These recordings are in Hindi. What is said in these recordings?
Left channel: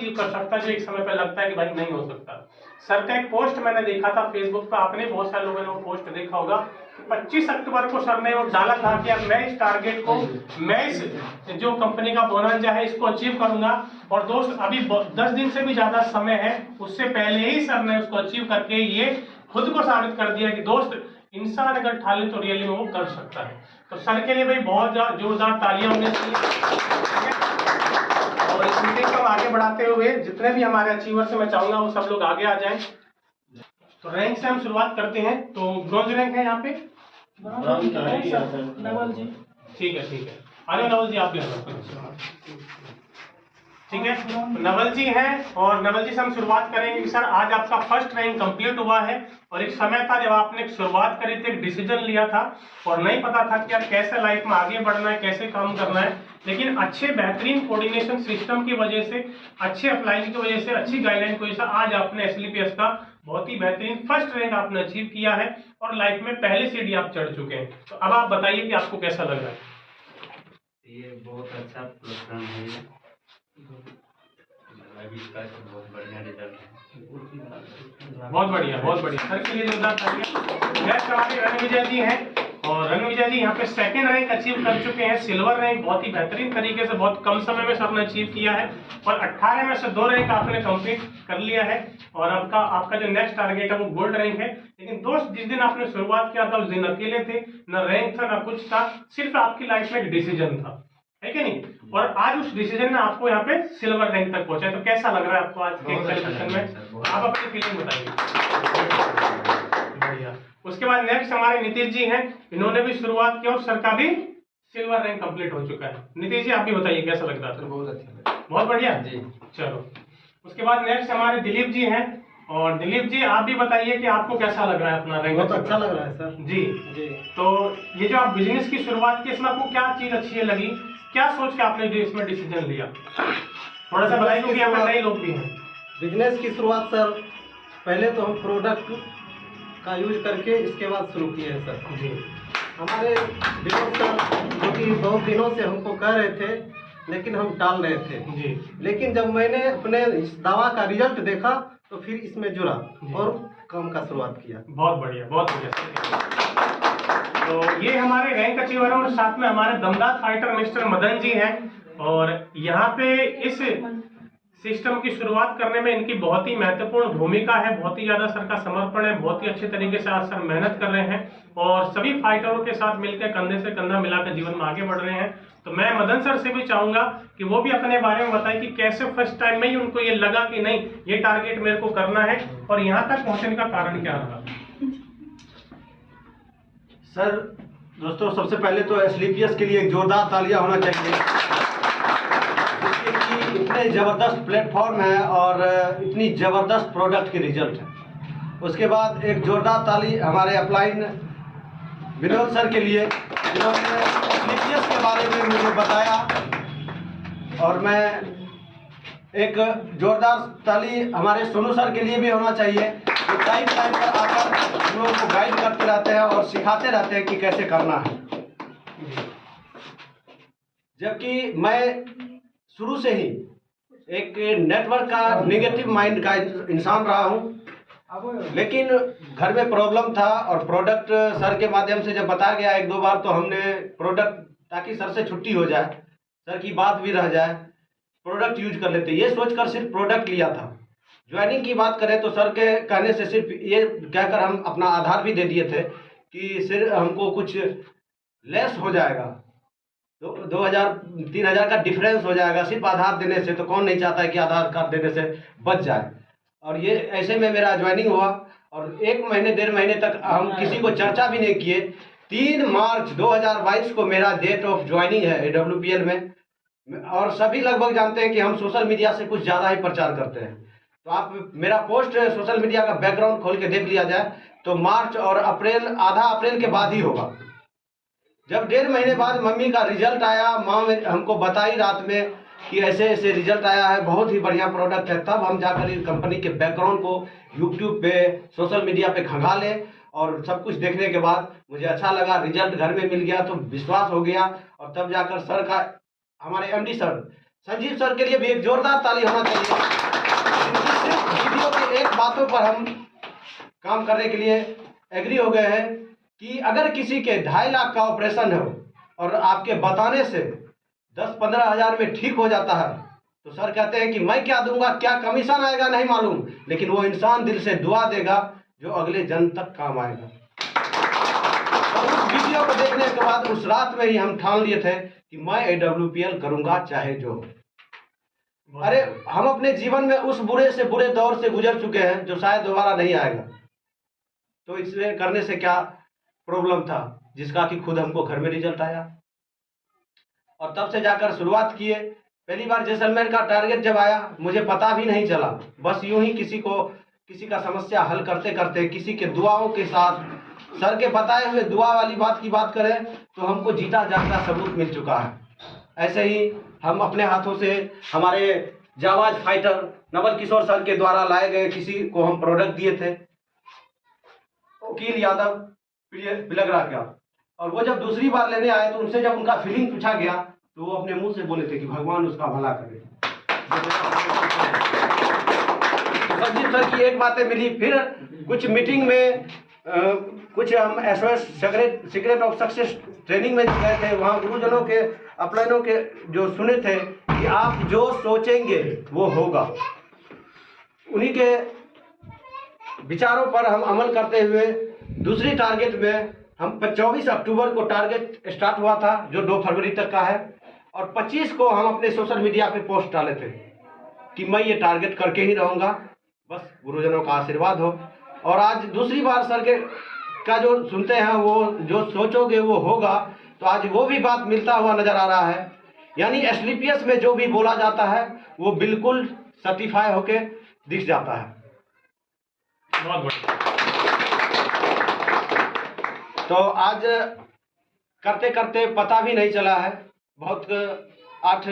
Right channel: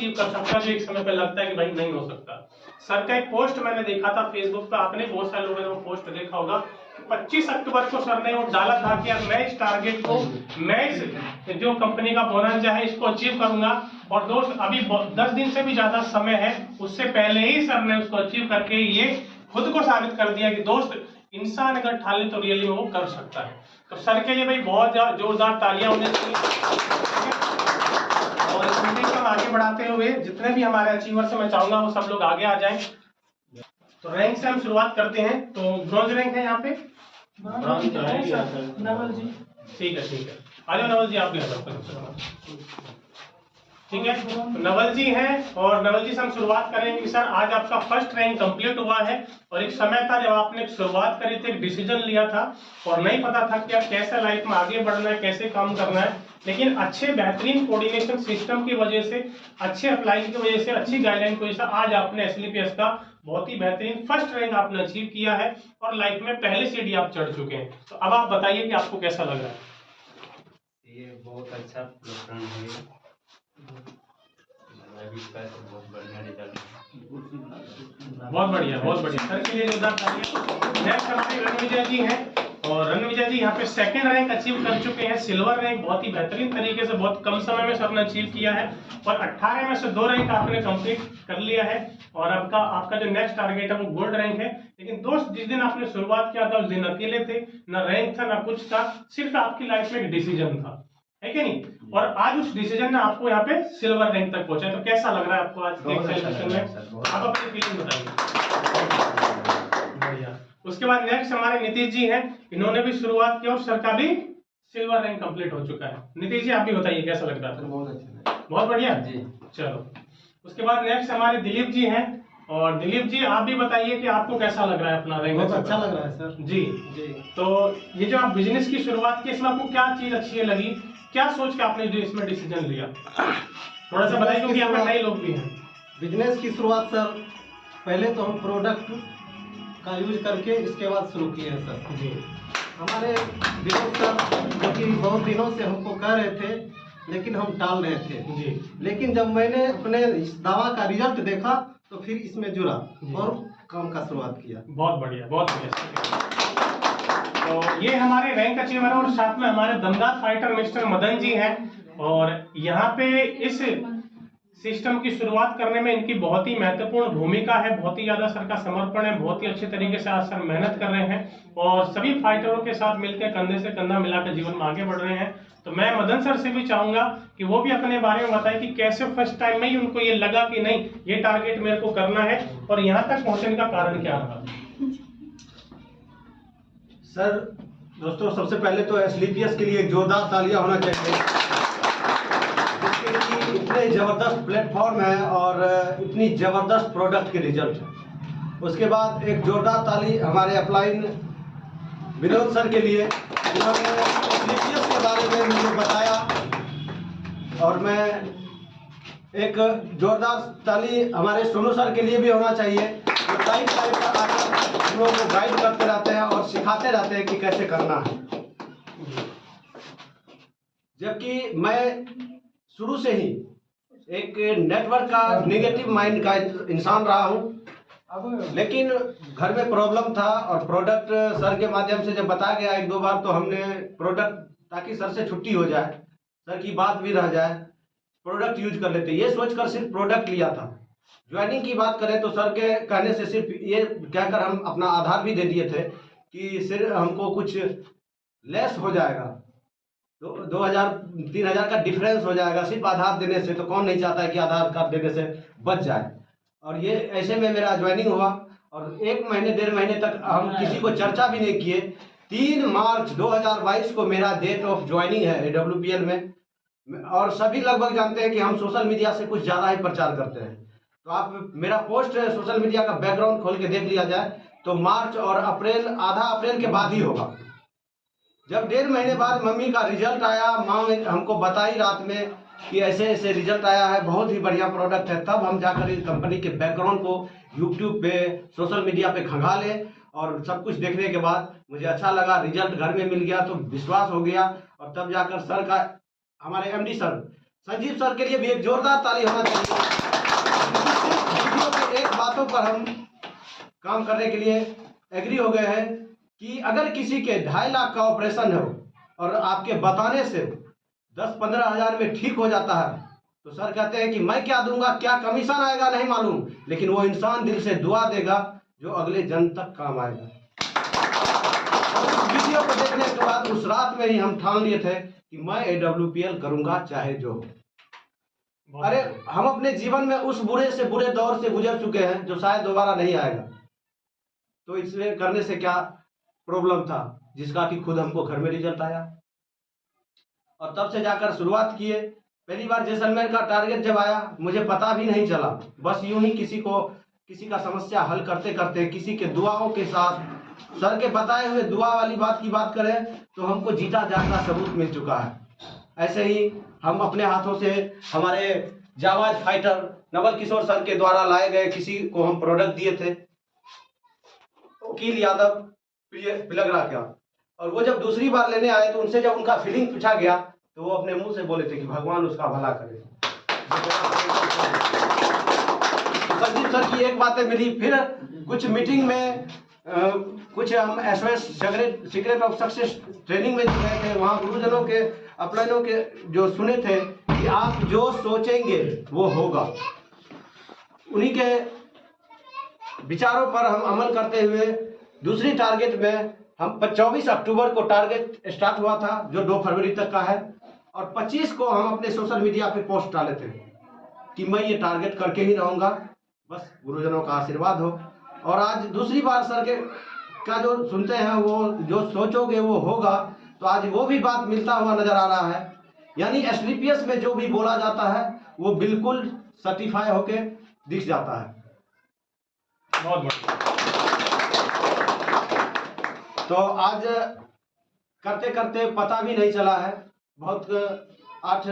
अचीव कर सकता है जो एक समय पर लगता है कि भाई नहीं हो सकता। सर का एक पोस्ट मैंने देखा था फेसबुक पर, आपने बहुत सारे लोगों ने वो पोस्ट देखा होगा। 25 अक्टूबर को सर ने वो डाला था कि यार मैं इस टारगेट को, मैं इस जो कंपनी का बोनंजा है इसको अचीव करूंगा। और दोस्त अभी 10 दिन से भी ज्यादा समय है, उससे पहले ही सर ने उसको अचीव करके ये खुद को साबित कर दिया कि दोस्त इंसान अगर ठाले तो रियली वो कर सकता है। तो सर के लिए भाई बहुत जोरदार तालियां होनी चाहिए। और इस मीटिंग को आगे बढ़ाते हुए जितने भी हमारे अचीवर्स मैं चाहूंगा वो सब लोग आगे आ जाएं। तो रैंक से हम शुरुआत करते हैं। तो ब्रॉन्ज रैंक है यहाँ पे नवल जी। ठीक है अरे नवल जी आप भी ठीक है। तो नवल जी हैं और नवल जी से हम शुरुआत करेंगे कि सर आज आपका फर्स्ट रैंक कंप्लीट हुआ है और एक समय था जब आपने शुरुआत करी थी, एक डिसीजन लिया था और नहीं पता था कि यार कैसे लाइफ में आगे बढ़ना है, कैसे काम करना है, लेकिन अच्छे बेहतरीन कोऑर्डिनेशन सिस्टम की वजह से, अच्छे अप्लाई की वजह से, अच्छी गाइडलाइन की वजह से आज आपने एसएलपीएस का बहुत ही बेहतरीन फर्स्ट रैंक आपने अचीव किया है और लाइफ में पहले सीढ़ी आप चढ़ चुके हैं। तो अब आप बताइए कि आपको कैसा लग रहा है? ये बहुत अच्छा प्रोग्राम है, बहुत बढ़िया रिजल्ट, बहुत बढ़िया सर के लिए जोरदार तालियां। नेक्स्ट हमारे रणविजय जी हैं और रणविजय जी यहाँ पे सेकंड रैंक अचीव कर चुके हैं, सिल्वर रैंक बहुत ही बेहतरीन तरीके से बहुत कम समय में सबने अचीव किया है और 18 में से 2 रैंक आपने कंप्लीट कर लिया है और आपका जो नेक्स्ट टारगेट है वो गोल्ड रैंक है। लेकिन दोस्त जिस दिन आपने शुरुआत किया था उस दिन अकेले थे, न रैंक था न कुछ था, सिर्फ आपकी लाइफ में एक डिसीजन था, है कि नहीं? और आज उस डिसीजन ने आपको यहाँ पे सिल्वर रैंक तक पहुंचा है। तो कैसा लग रहा है आपको आज के सेशन में? आप अपनी फीलिंग बताइए। बढ़िया। उसके बाद नेक्स्ट हमारे नीतीश जी हैं, इन्होंने भी शुरुआत की और सर का भी सिल्वर रैंक कंप्लीट हो चुका है। नीतीश जी आप भी बताइए कैसा लग रहा है? बहुत अच्छा लगा। बहुत बढ़िया जी। चलो उसके बाद नेक्स्ट हमारे दिलीप जी हैं और दिलीप जी आप भी बताइए कि आपको कैसा लग रहा है अपना रैंक? बहुत अच्छा लग रहा है सर। जी। तो ये जो आप बिजनेस की शुरुआत की, इसमें आपको क्या चीज अच्छी लगी, क्या सोच के आपने इसमें डिसीजन लिया? थोड़ा सा बताइए क्योंकि यहाँ पर नए लोग भी हैं। बिजनेस की शुरुआत सर पहले तो हम प्रोडक्ट का यूज करके इसके बाद शुरू किए हैं सर। जी। हमारे विनोद सर जो कि बहुत दिनों से हमको कह रहे थे लेकिन हम टाल रहे थे जी। लेकिन जब मैंने अपने इस दवा का रिजल्ट देखा तो फिर इसमें जुड़ा और काम का शुरुआत किया। बहुत बढ़िया तो ये हमारे रैंक अचीवर और साथ में हमारे दमदार फाइटर मिस्टर मदन जी हैं और यहाँ पे इस सिस्टम की शुरुआत करने में इनकी बहुत ही महत्वपूर्ण भूमिका है, बहुत ही ज्यादा सर का समर्पण है, बहुत ही अच्छे तरीके से आज सर मेहनत कर रहे हैं और सभी फाइटरों के साथ मिलकर कंधे से कंधा मिलाकर जीवन में आगे बढ़ रहे हैं। तो मैं मदन सर से भी चाहूंगा कि वो भी अपने बारे में बताएं कि कैसे फर्स्ट टाइम में ही उनको ये लगा कि नहीं ये टारगेट मेरे को करना है और यहाँ तक पहुंचने का कारण क्या रहा? सर दोस्तों सबसे पहले तो एसएलपीएस के लिए एक जोरदार तालियां होना चाहिए, जिसके इतने ज़बरदस्त प्लेटफॉर्म है और इतनी ज़बरदस्त प्रोडक्ट के रिजल्ट है। उसके बाद एक जोरदार ताली हमारे अपलाइन विनोद सर के लिए, जिन्होंने एसएलपीएस के बारे में मुझे बताया और मैं एक जोरदार ताली हमारे सोनू सर के लिए भी होना चाहिए, जो टाइम पर आकर हम लोगों को गाइड करते रहते हैं और सिखाते रहते हैं कि कैसे करना है। जबकि मैं शुरू से ही एक नेटवर्क का नेगेटिव माइंड का इंसान रहा हूं, लेकिन घर में प्रॉब्लम था और प्रोडक्ट सर के माध्यम से जब बताया गया 1-2 बार तो हमने प्रोडक्ट, ताकि सर से छुट्टी हो जाए, सर की बात भी रह जाए, प्रोडक्ट यूज कर लेते, ये सोचकर सिर्फ प्रोडक्ट लिया था। ज्वाइनिंग की बात करें तो सर के कहने से सिर्फ ये कहकर हम अपना आधार भी दे दिए थे कि सिर्फ हमको कुछ लेस हो जाएगा, 2,000-3,000 का डिफरेंस हो जाएगा सिर्फ आधार देने से, तो कौन नहीं चाहता है कि आधार कार्ड देने से बच जाए। और ये ऐसे में मेरा ज्वाइनिंग हुआ और 1 महीने 1.5 महीने तक हम किसी को चर्चा भी नहीं किए। 3 मार्च 2022 को मेरा डेट ऑफ ज्वाइनिंग है AWPL में और सभी लगभग जानते हैं कि हम सोशल मीडिया से कुछ ज़्यादा ही प्रचार करते हैं। तो आप मेरा पोस्ट सोशल मीडिया का बैकग्राउंड खोल के देख लिया जाए तो मार्च और अप्रैल, आधा अप्रैल के बाद ही होगा। जब 1.5 महीने बाद मम्मी का रिजल्ट आया, माँ ने हमको बताई रात में कि ऐसे ऐसे रिजल्ट आया है, बहुत ही बढ़िया प्रोडक्ट है, तब हम जाकर इस कंपनी के बैकग्राउंड को यूट्यूब पे, सोशल मीडिया पे खंगाले और सब कुछ देखने के बाद मुझे अच्छा लगा, रिजल्ट घर में मिल गया तो विश्वास हो गया और तब जाकर सर का, हमारे MD सर संजीव सर के लिए भी एक जोरदार ताली होना चाहिए। सिर्फ वीडियो के एक बातों पर हम काम करने के लिए एग्री हो गए हैं कि अगर किसी के 2.5 लाख का ऑपरेशन हो और आपके बताने से 10-15 हज़ार में ठीक हो जाता है, तो सर कहते हैं कि मैं क्या दूंगा, क्या कमीशन आएगा नहीं मालूम, लेकिन वो इंसान दिल से दुआ देगा जो अगले जन्म तक काम आएगा। और उस वीडियो को देखने के बाद उस रात में ही हम ठान लिए थे कि मैं AWPL करूंगा चाहे जो हो। अरे हम अपने जीवन में उस बुरे से बुरे दौर से गुजर चुके हैं जो शायद दोबारा नहीं आएगा, तो इसलिए करने से क्या प्रॉब्लम था जिसका कि खुद हमको घर में रिजल्ट आया। और तब से जाकर शुरुआत किए। पहली बार जैसलमेर का टारगेट जब आया मुझे पता भी नहीं चला, बस यूं ही किसी का समस्या हल करते करते किसी के दुआओं के साथ, सर के बताए हुए दुआ वाली बात की बात करें तो हमको जीता जागता सबूत मिल चुका है। ऐसे ही हम अपने हाथों से हमारे जाबाज फाइटर नवल किशोर सर के द्वारा लाए गए किसी को हम प्रोडक्ट दिए थे, वकील यादव पिलगरा का, और वो जब दूसरी बार लेने आए तो उनसे जब उनका फीलिंग पूछा गया तो वो अपने मुंह से बोले थे कि भगवान उसका भला करे। संजीव सर की एक बातें मिली, फिर कुछ मीटिंग में कुछ हम SOS secret of success training में गए थे, वहाँ गुरुजनों के अपलाइनों के जो सुने थे कि आप जो सोचेंगे वो होगा, उन्हीं के विचारों पर हम अमल करते हुए दूसरी टारगेट में हम 24 अक्टूबर को टारगेट स्टार्ट हुआ था जो 2 फरवरी तक का है, और 25 को हम अपने सोशल मीडिया पे पोस्ट डाले थे कि मैं ये टारगेट करके ही रहूँगा, बस गुरुजनों का आशीर्वाद हो। और आज दूसरी बार सर का जो सुनते हैं वो जो सोचोगे वो होगा, तो आज वो भी बात मिलता हुआ नजर आ रहा है। यानी SLPS में जो भी बोला जाता है वो बिल्कुल सर्टिफाई होके दिख जाता है। बहुत बढ़िया। तो आज करते करते पता भी नहीं चला है, बहुत 5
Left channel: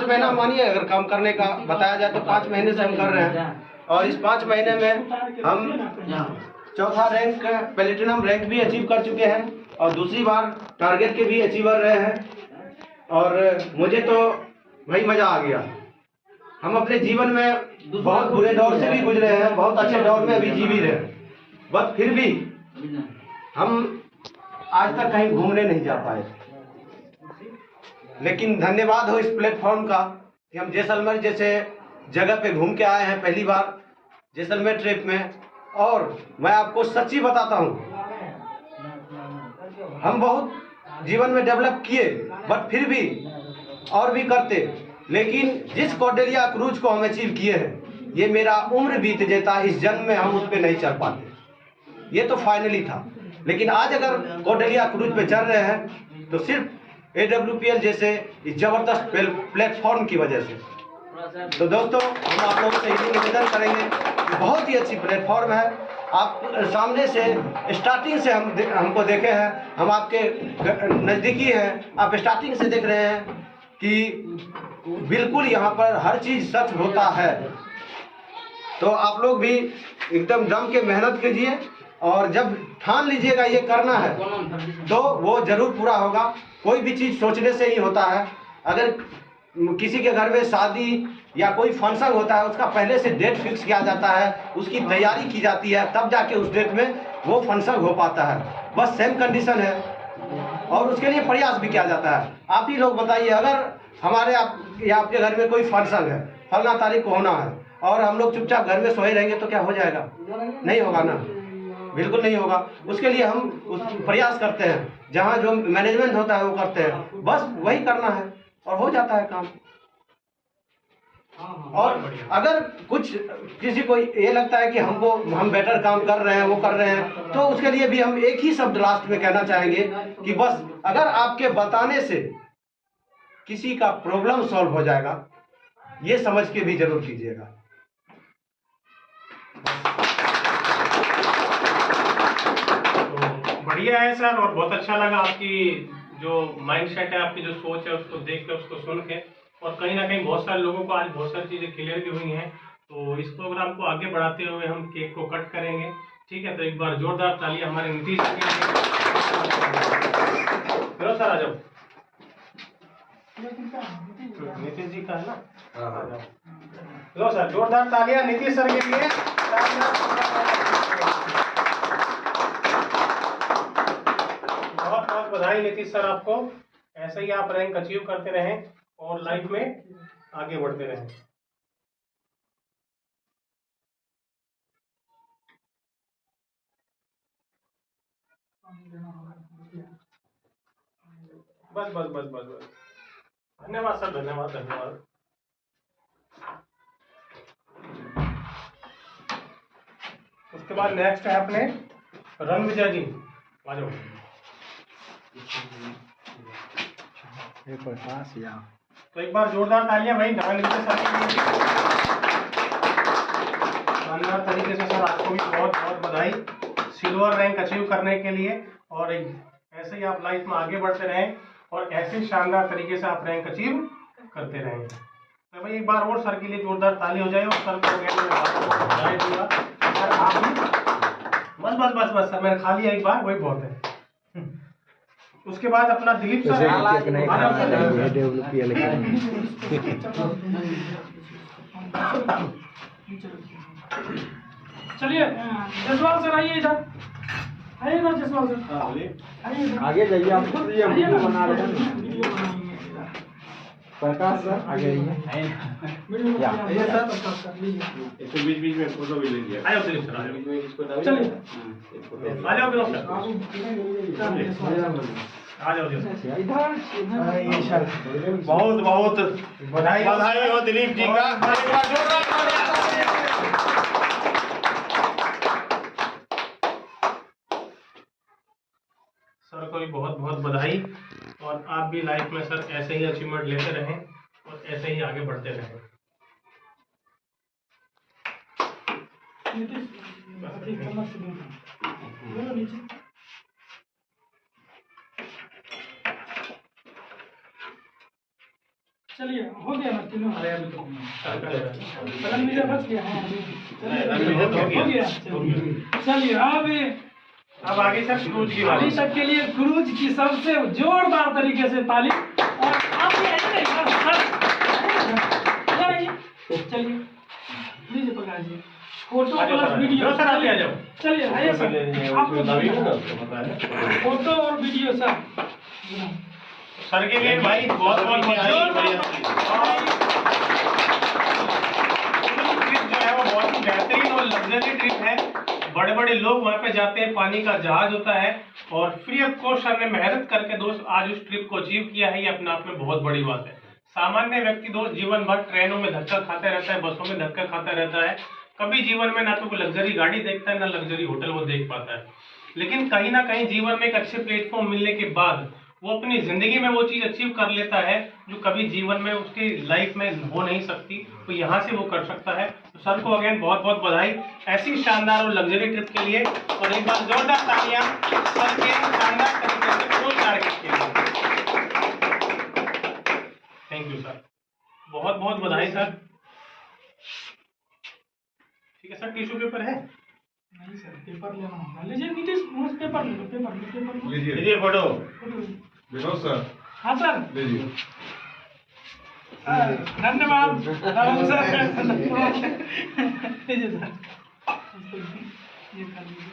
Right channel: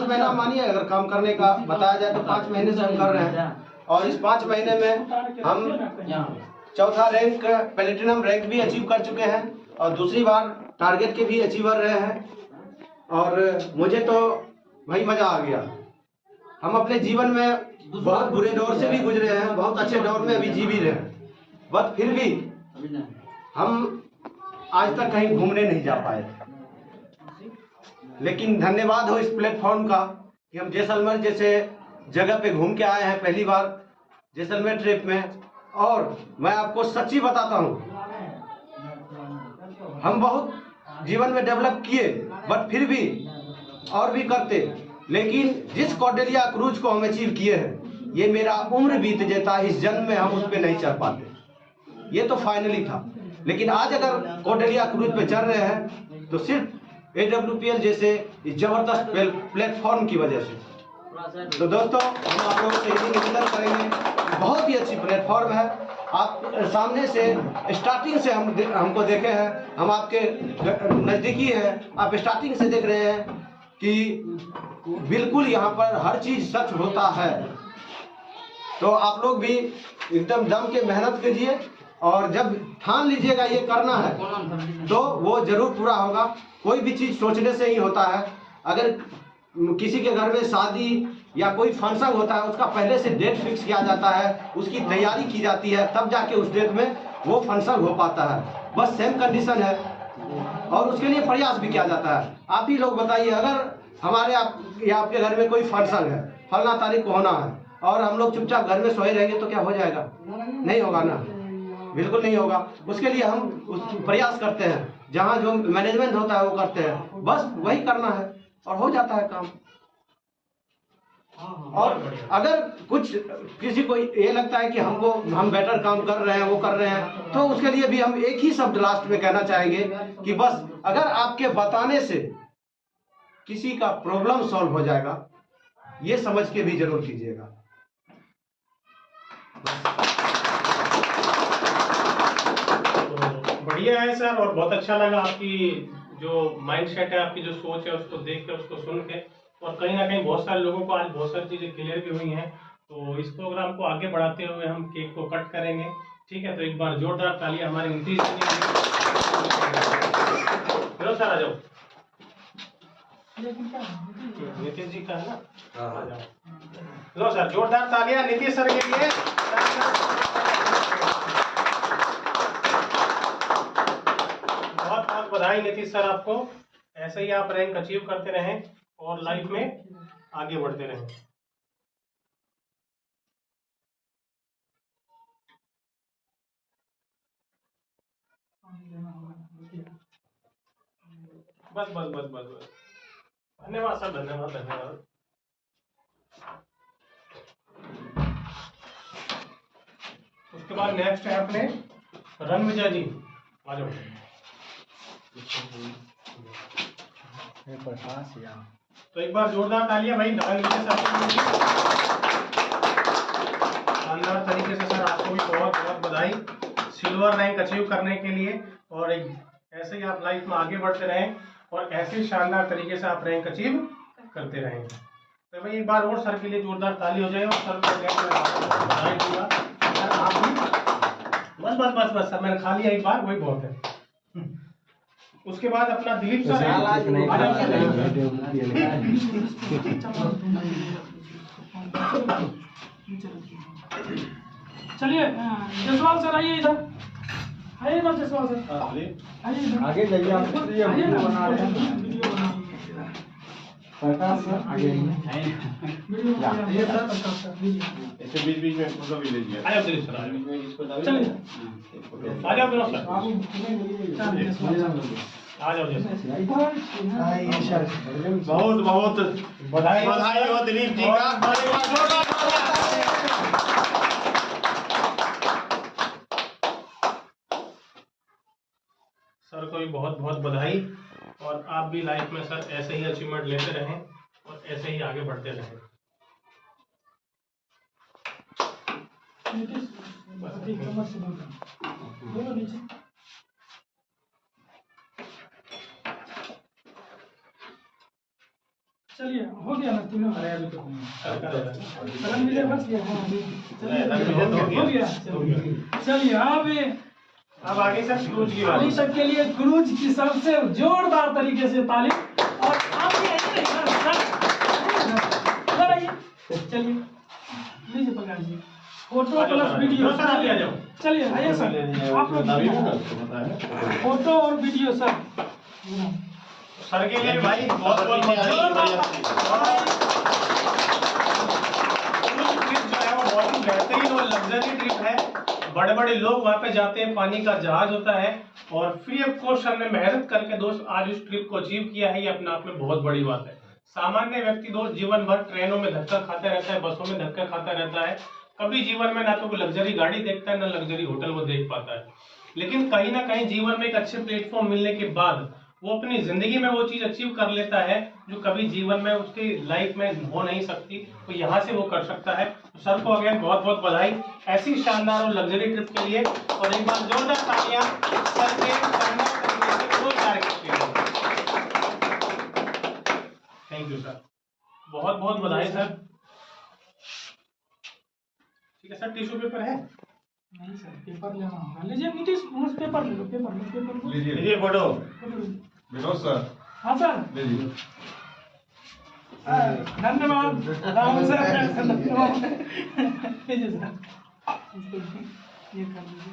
महीना मानिए, अगर काम करने का बताया जाए तो 5 महीने से हम कर रहे हैं, और इस 5 महीने में हम चौथा रैंक प्लेटिनम रैंक भी अचीव कर चुके हैं और दूसरी बार टारगेट के भी अचीवर रहे हैं। और मुझे तो भाई मज़ा आ गया। हम अपने जीवन में बहुत बुरे दौर से भी गुजरे हैं, बहुत अच्छे दौर में अभी जी भी रहे हैं, बट फिर भी हम आज तक कहीं घूमने नहीं जा पाए। लेकिन धन्यवाद हो इस प्लेटफॉर्म का कि हम जैसलमेर जैसे जगह पे घूम के आए हैं पहली बार जैसलमेर ट्रिप में। और मैं आपको सच्ची बताता हूँ, हम बहुत जीवन में डेवलप किए, बट फिर भी और भी करते, लेकिन जिस कौटिल्य क्रूज को हम अचीव किए हैं, ये मेरा उम्र बीत जाता, इस जन्म में हम उस पर नहीं चढ़ पाते। ये तो फाइनली था, लेकिन आज अगर कौटिल्य क्रूज पे चल रहे हैं तो सिर्फ AWPL जैसे इस जबरदस्त प्लेटफॉर्म की वजह से। तो दोस्तों, हम आप लोगों से यही निवेदन करेंगे, बहुत ही अच्छी प्लेटफॉर्म है। आप सामने से स्टार्टिंग से हमको देखे हैं, हम आपके नज़दीकी हैं, आप स्टार्टिंग से देख रहे हैं कि बिल्कुल यहाँ पर हर चीज़ सच होता है। तो आप लोग भी एकदम दम के मेहनत कीजिए, और जब ठान लीजिएगा ये करना है तो वो जरूर पूरा होगा। कोई भी चीज़ सोचने से ही होता है। अगर किसी के घर में शादी या कोई फंक्शन होता है, उसका पहले से डेट फिक्स किया जाता है, उसकी तैयारी की जाती है, तब जाके उस डेट में वो फंक्शन हो पाता है। बस सेम कंडीशन है, और उसके लिए प्रयास भी किया जाता है। आप ही लोग बताइए, अगर हमारे आपके घर में कोई फंक्शन है, फलना तारीख को होना है, और हम लोग चुपचाप घर में सोए रहेंगे तो क्या हो जाएगा? नहीं होगा ना, बिल्कुल नहीं होगा। उसके लिए हम प्रयास करते हैं, जहाँ जो मैनेजमेंट होता है वो करते हैं, बस वही करना है और हो जाता है काम। और अगर कुछ किसी को ये लगता है कि हम बेटर काम कर रहे हैं, वो कर रहे हैं, तो उसके लिए भी हम एक ही शब्द लास्ट में कहना चाहेंगे कि बस अगर आपके बताने से किसी का प्रॉब्लम सॉल्व हो जाएगा, ये समझ के भी जरूर कीजिएगा। बढ़िया है सर, और बहुत अच्छा लगा आपकी जो माइंड सेट है, आपकी जो सोच है, उसको देख के, उसको सुन के, और कहीं ना कहीं बहुत सारे लोगों को आज बहुत सारी चीज़ें क्लियर भी हुई हैं। तो इस प्रोग्राम को आगे बढ़ाते हुए हम केक को कट करेंगे, ठीक है? तो एक बार जोरदार तालियां हमारे नीतीश जी के लिए। सर आ जाओ। नीतीश जी का है ना। हाँ, हाँ। आ जाओ। लो सर, जोरदार तालियां नीतीश सर के लिए। बहुत बहुत बधाई नीतीश सर आपको। ऐसे ही आप रैंक अचीव करते रहें और लाइफ में आगे बढ़ते रहें। बस बस बस बस बस, धन्यवाद सर, धन्यवाद धन्यवाद। उसके बाद नेक्स्ट है अपने रणविजय जी, आ जाओ। तो एक बार जोरदार तालियां भाई रणविजय सर के लिए। शानदार तरीके से सर आपको भी बहुत बहुत बधाई सिल्वर रैंक अचीव करने के लिए। और ऐसे ही आप लाइफ में आगे बढ़ते रहें और ऐसे शानदार तरीके से आप रैंक अचीव करते रहें। तो भाई एक बार और सर के लिए जोरदार ताली हो जाए और सर को बधाई दूंगा। और आप भी बस बस बस बस सर, मैंने खा लिया एक बार, वही बहुत है। उसके बाद अपना दिलीप सर चलिए जसवाल सर आइए इधर, आइए इधर जसवाल सर, आगे जाइए, आप वीडियो बना रहे हैं। प्रकाश सर आगे आइए सर, ऐसे बीच बीच में फोटो भी लीजिए। आया दिलीप सर, आया। चलिए आ जाओ दिलीप सर, आ जाओ दिलीप सर। बहुत बहुत बधाई बधाई हो दिलीप जी का। एक बार जोरदार तालियां। सर को भी बहुत बहुत बधाई। और आप भी लाइफ में सर ऐसे ही अचीवमेंट लेते रहें और ऐसे ही आगे बढ़ते रहें। चलिए हो गया ना तीनों, कलम लीजिए, बच गया। हाँ चलिए हो गया। चलिए अब आगे सर क्रूज की अभी तक के लिए क्रूज की सबसे जोरदार तरीके से ताली। और आप ये ऐसे इधर आइए, चलिए लीजिए Prakash ji, photo plus video. Sir आप आ जाओ। चलिए आइए सर, आप लोग फोटो और वीडियो सर। सर के लिए भाई बहुत बहुत बधाई। ट्रिप जो है वो बहुत ही बेहतरीन और लग्जरी ट्रिप है। बड़े बड़े लोग वहाँ पे जाते हैं, पानी का जहाज होता है और फ्री ऑफ कॉस्ट सर ने मेहनत करके दोस्त आज उस ट्रिप को अचीव किया है। ये अपने आप में बहुत बड़ी बात है। सामान्य व्यक्ति दोस्त जीवन भर ट्रेनों में धक्का खाते रहता है, बसों में धक्का खाता रहता है, कभी जीवन में ना तो कोई लग्जरी गाड़ी देखता है ना लग्जरी होटल वो देख पाता है। लेकिन कहीं ना कहीं जीवन में एक अच्छे प्लेटफॉर्म मिलने के बाद वो अपनी जिंदगी में वो चीज अचीव कर लेता है जो कभी जीवन में उसकी लाइफ में हो नहीं सकती, तो यहाँ से वो कर सकता है। तो सर को अगेन बहुत बहुत बधाई ऐसी शानदार और लग्जरी ट्रिप के लिए। और एक बार जोरदार तालियां सर के शानदार तरीके से क्रूज टारगेट के लिए। थैंक यू सर, बहुत बहुत बधाई सर। ठीक है सर, टिश्यू पेपर है? नहीं सर, पेपर लेना होगा। लीजिए नीतीश, पेपर ले लो, पेपर लीजिए फोटो। लो। सर हाँ सर, लीजिए। धन्यवाद राहुल सर, धन्यवाद। लीजिए सर, ये कर लीजिए।